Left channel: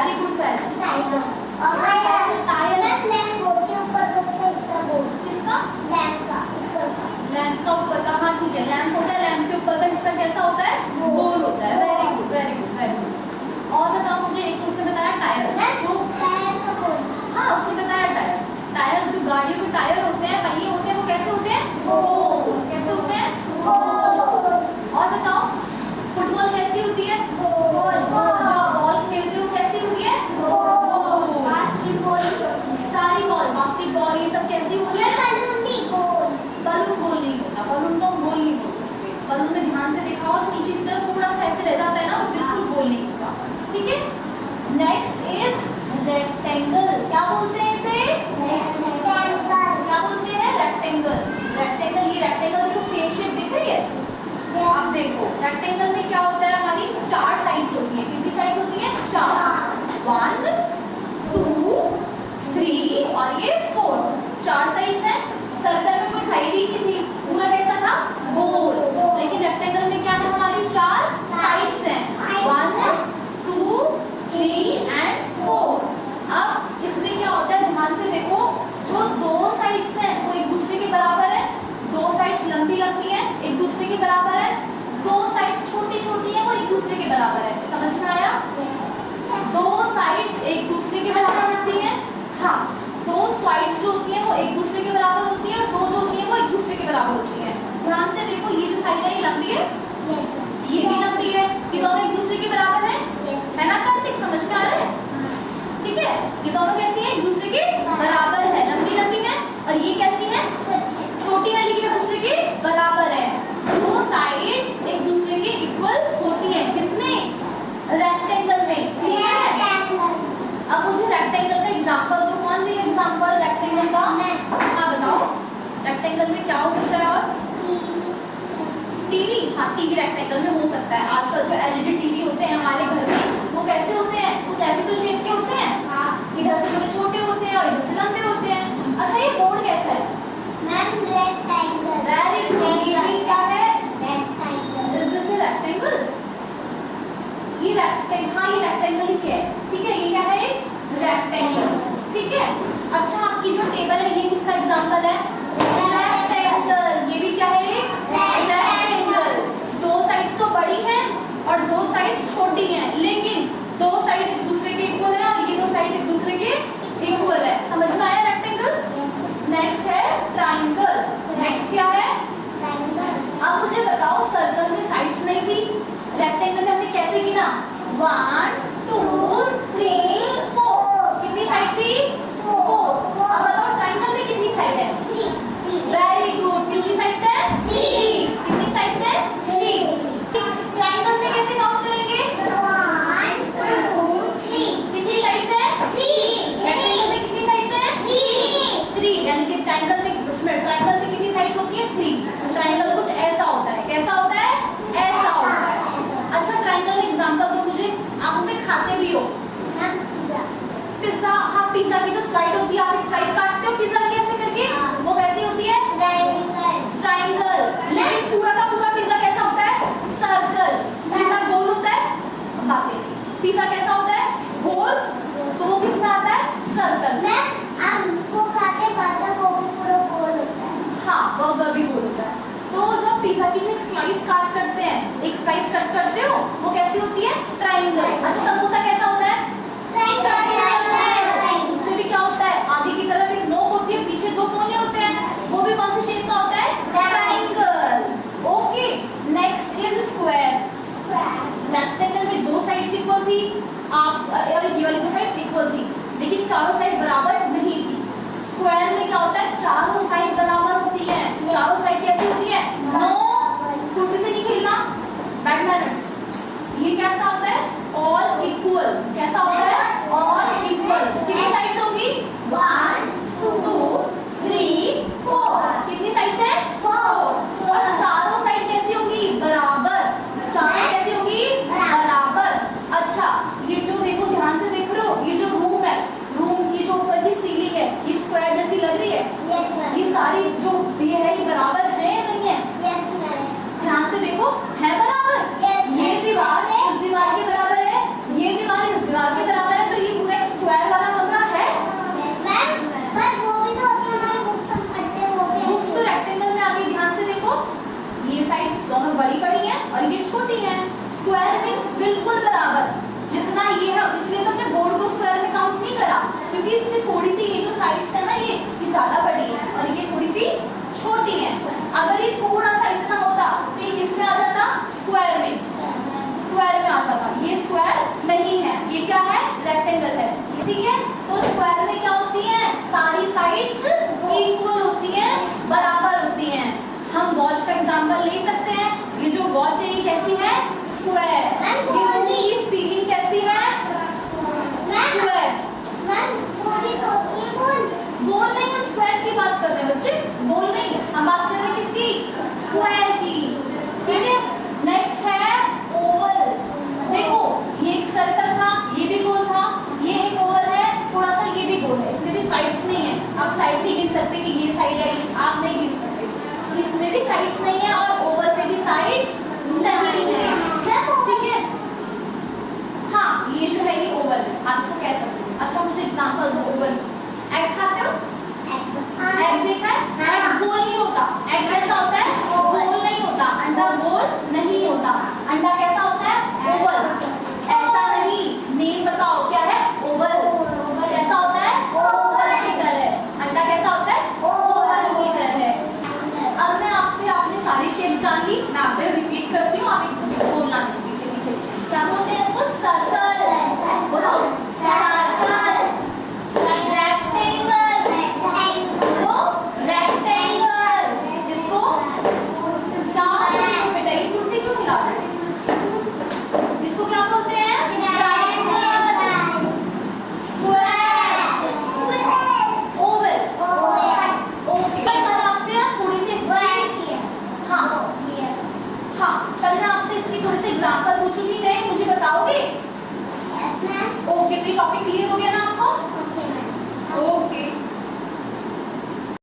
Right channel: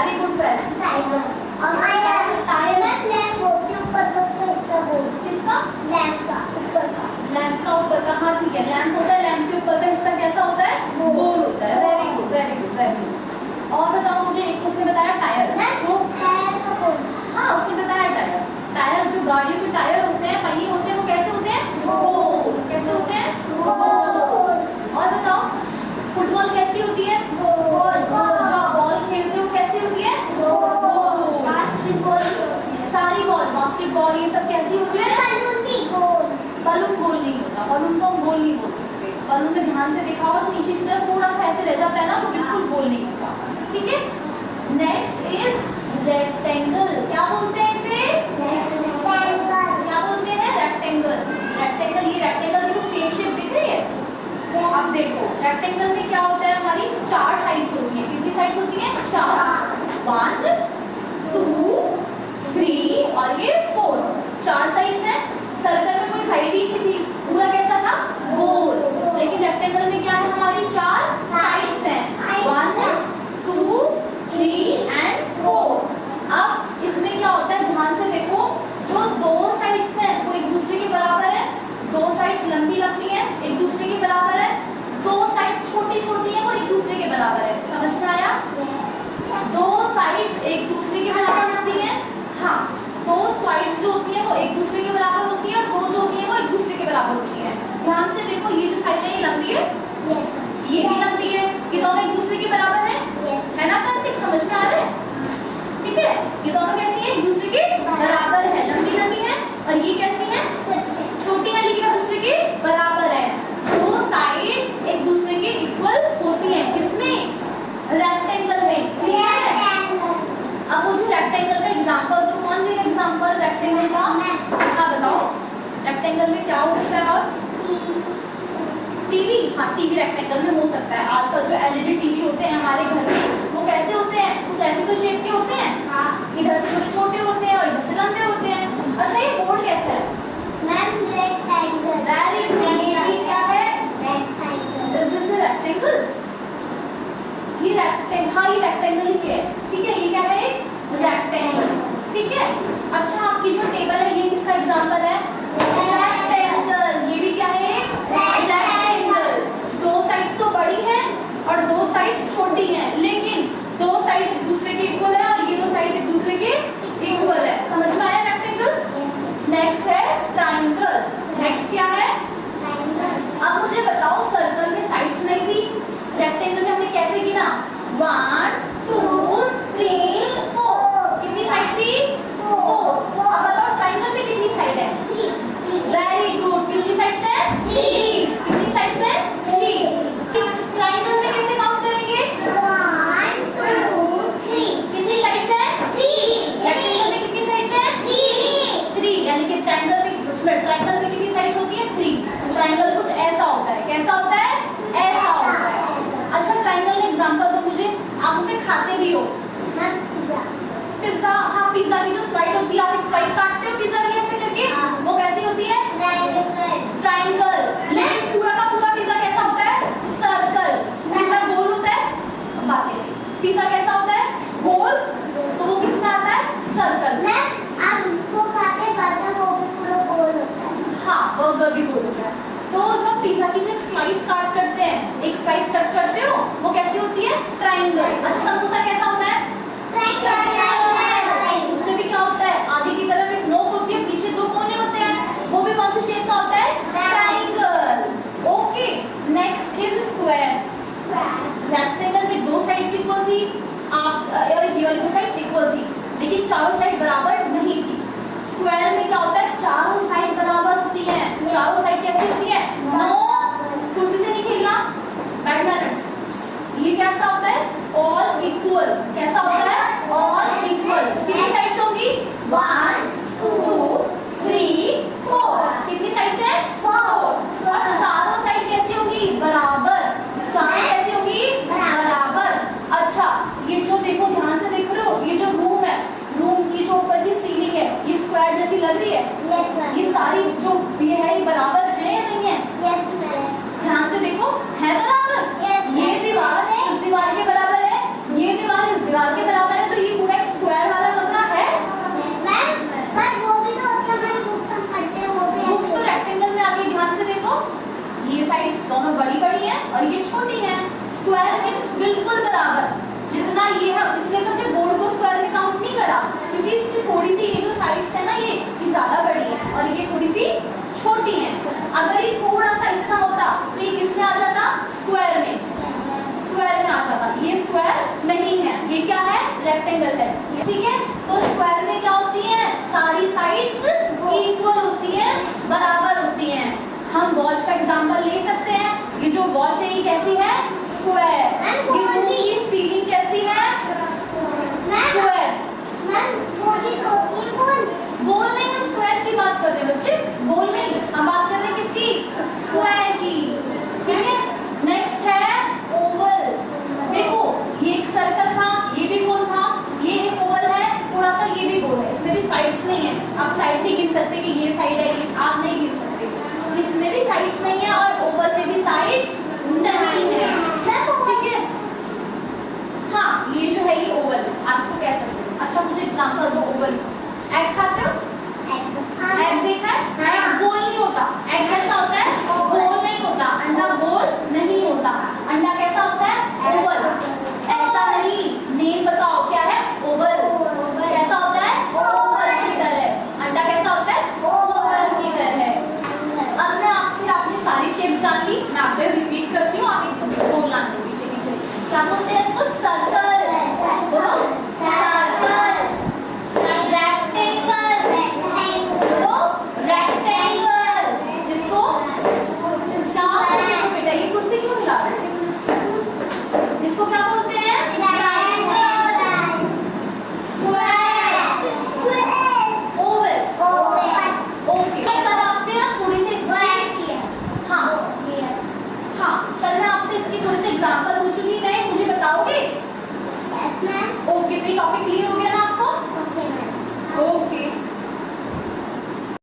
Very good friends, tiger. और tyre में lamp होती है ऊपर का उसका हिस्सा बोल, किसका? लैंप का ऊपर का। लैंप का ऊपर का, हाँ ठीक है, लैंप होता है, लैंप के ऊपर का हिस्सा कैसा होता है? गोल होता है। Very good very good very good. और बताओ मुझे, एक तो उसने बताया टायर, जो टायर का बोल, हाँ उसने बताया टायर। टायर जो गाड़ियों के टायर होते हैं, पहिए होते हैं, वो कैसे होते हैं? गोल। कैसे होते हैं? गोल। और बताओ फुटबॉल कैसी होती है? गोल। जो आप बॉल खेलते हो कैसी होती है? गोल। बास्केटबॉल, सारी बॉल, बास्केटबॉल, ये सब कैसी होती है? बलून भी गोल। बलून गोल नहीं होता, बलून को हम गोल नहीं बोल सकते। बलून में ध्यान से देखा हो तो नीचे की तरफ थोड़ा सा ऐसे रह जाता है ना, वो बिल्कुल गोल नहीं होता। ठीक है, नेक्स्ट इज रेक्टेंगल। क्या बोलते हैं इसे? क्या बोलते हैं? रेक्टेंगल। रेक्टेंगल, ये रेक्टेंगल की शेप दिख रही है? अब देखो रेक्टेंगल में क्या होता है, हमारी चार साइड्स होती है। कितनी साइड्स होती है? चार। 1 2 3 और ये 4, चार साइड्स हैं। सर्कल में कोई साइड ही नहीं थी, पूरा कैसा था? गोल। लेकिन रेक्टेंगल में क्या है, हमारी चार साइड्स हैं, 1 2 3 एंड 4। अब इसमें क्या होता है, ध्यान से देखो, जो दो साइड्स हैं वो एक दूसरे के बराबर है, दो साइड्स लंबी लंबी हैं, एक दूसरे के बराबर है, दो साइड छोटी छोटी है, वो एक दूसरे के बराबर है। समझ में आया? दो साइड्स एक दूसरे के बराबर होती है, हाँ, दो साइड्स जो होती है वो एक दूसरे के बराबर होती है, और दो जो होती है वो एक दूसरे के बराबर होती है। ध्यान से देखो, ये जो साइड है ये लंबी है, ये भी लंबी है, ये दोनों एक दूसरे के बराबर है ना कार्तिक? समझ में आ रहा है? ठीक है, ये दोनों कैसी है? एक दूसरे के बराबर है, लंबी लंबी है, और ये कैसी है? छोटी वाली एक दूसरे के बराबर है। दो साइड एक दूसरे के इक्वल होती है, किसमें? रेक्टेंगल में। क्लियर है? अब मुझे रेक्टेंगल का एग्जांपल दो, कौन देगा एग्जांपल रेक्टेंगल का? हाँ बताओ, रेक्टेंगल में क्या हो सकता है? और टीवी, हाँ टीवी रेक्टेंगल में हो सकता है। आजकल जो एलईडी टीवी होते हैं हमारे घर में, वो कैसे होते हैं? कुछ ऐसे तो शेप के होते हैं, इधर से थोड़े छोटे होते हैं और इधर से लंबे होते हैं। अच्छा, ये बोर्ड कैसा है? रेक्टेंगल। Very good. ये क्या है? Rectangle. Is this a rectangle? ये रेक्टेंगल, हाँ ये रेक्टेंगल ही है। ठीक है, ये क्या है? रेक्टेंगल। ठीक है, अच्छा आपकी जो टेबल है ये किसका एग्जांपल है? रेक्टेंगल। ये भी क्या है? रेक्टेंगल। दो साइड्स तो बड़ी है और दो साइड्स छोटी हैं, लेकिन दो साइड्स एक दूसरे के इक्वल है, और ये दो साइड्स एक दूसरे के इक्वल है। समझ में आया रेक्टेंगल? नेक्स्ट है ट्राइंगल। नेक्स्ट क्या है? अब मुझे बताओ, सर्कल में साइड्स नहीं थी, रेक्टेंगल में हमने कैसे गिना? 1 2 3 4। कितनी साइड थी? 4। अब बताओ ट्राइंगल में कितनी साइड है? 3। Very good. कितनी साइड्स है? 3। कितनी साइड्स है? 3। ट्राइंगल में कैसे काउंट करेंगे? 1 2 3। कितनी साइड्स है? 3। रेक्टेंगल में कितनी साइड्स है? 3। यानी कि ट्राइंगल में, उसमें ट्राइंगल में कितनी साइड्स होती है? 3। ट्राइंगल कुछ ऐसा होता है, कैसा होता है? ऐसा होता है। अच्छा, ट्राइंगल में एग्जांपल दो मुझे, आप उसे खाते भी हो? पिज्जा, हाँ पिज्जा की जो स्लाइड होती है, आप एक स्लाइड काटते हो पिज्जा की ऐसे करके, वो कैसी होती है? ट्राइंगल। लेकिन पूरा का पूरा पिज्जा कैसा होता है? सर्कल। पिज्जा गोल होता है? बातें, पिज्जा कैसा होता है? गोल। तो वो किसमें आता है? सर्कल। हाँ, बर्गर भी गोल होता है। तो जब पिज्जा की जो एक स्लाइस काट करते हैं, एक स्लाइस कट करते हो, वो कैसी होती है? ट्राइंगल। अच्छा, समोसा कैसा होता है? उसमें भी क्या होता है? आगे की तरफ एक नोक होती है, पीछे दो कोने होते हैं, वो भी कौन सी शेप का होता है? Triangle. Okay, next is square. Rectangle में दो साइड्स इक्वल थी, ये वाली दो साइड्स इक्वल थी, लेकिन चारों साइड बराबर नहीं थी। स्क्वायर में क्या होता है? चारों साइड बराबर होती है। चारों साइड कैसी होती है? नो, कुर्सी से नहीं खेलना, बैड मैनर्स। ये कैसा होता है? All equal. कैसा होता है? All equal. कितनी साइड्स होंगी? 1 2 3 4। कितनी साइड्स है? 4। और चारों साइड कैसी होंगी? बराबर। चारों कैसी होंगी? बराबर। अच्छा, ये जो देखो, ध्यान से देख रहे हो, ये जो रूम है, रूम की जो ऊपर की सीलिंग है, ये स्क्वायर जैसी लग रही है? ये सारी जो ये है, ये बराबर है या नहीं है? ध्यान से देखो, है बराबर? ये दीवार है इस दीवार के बराबर है, ये दीवार इस दीवार के बराबर है, तो हम बात कर रहे हैं किसकी? स्क्वायर की। ठीक है, नेक्स्ट है ओवल। देखो ये एक सर्कल था, ये भी गोल था, ये एक ओवल है, थोड़ा सा ये भी गोल है, इसमें भी साइड्स नहीं है। आप साइड नहीं गिन सकते कि ये साइड है, आप नहीं गिन सकते। इसमें भी साइड्स नहीं है और ओवल में भी साइड्स नहीं है। ठीक है, हाँ ये जो है ये ओवल, आप इसको कह सकते हो। अच्छा मुझे एग्जांपल दो ओवल। एग खाते हो? एग देखा है? एग गोल नहीं होता। एग कैसा होता है? गोल नहीं होता। अंडा गोल नहीं होता। अंडा कैसा होता है? ओवल। ऐसा नहीं, नेम बताओ क्या है? ओवल। कैसा होता है? ओवल की तरह। अंडा कैसा होता है? ओवल की तरह। अब मैं आपसे आपने सारी शेप जान ली, मैं आप रिपीट करती हूँ, आप एक बोलना है पीछे पीछे। क्या बोलते हैं इसको? सर्कल। बोलो सर्कल। रेक्टेंगल। बोलो रेक्टेंगल। इसको बेटा ये कुर्सी क्यों हिला रहे हो? इसको क्या बोलते हैं? ट्रायंगल। स्क्वायर। ओवल। ओके, कल आपसे ना थोड़ी सी हाँ हाँ, कल मैं आपसे इसकी थोड़ी सी एग्जांपल पूछूंगी, नहीं मुझे बताओगे? ओके, तो ये टॉपिक क्लियर हो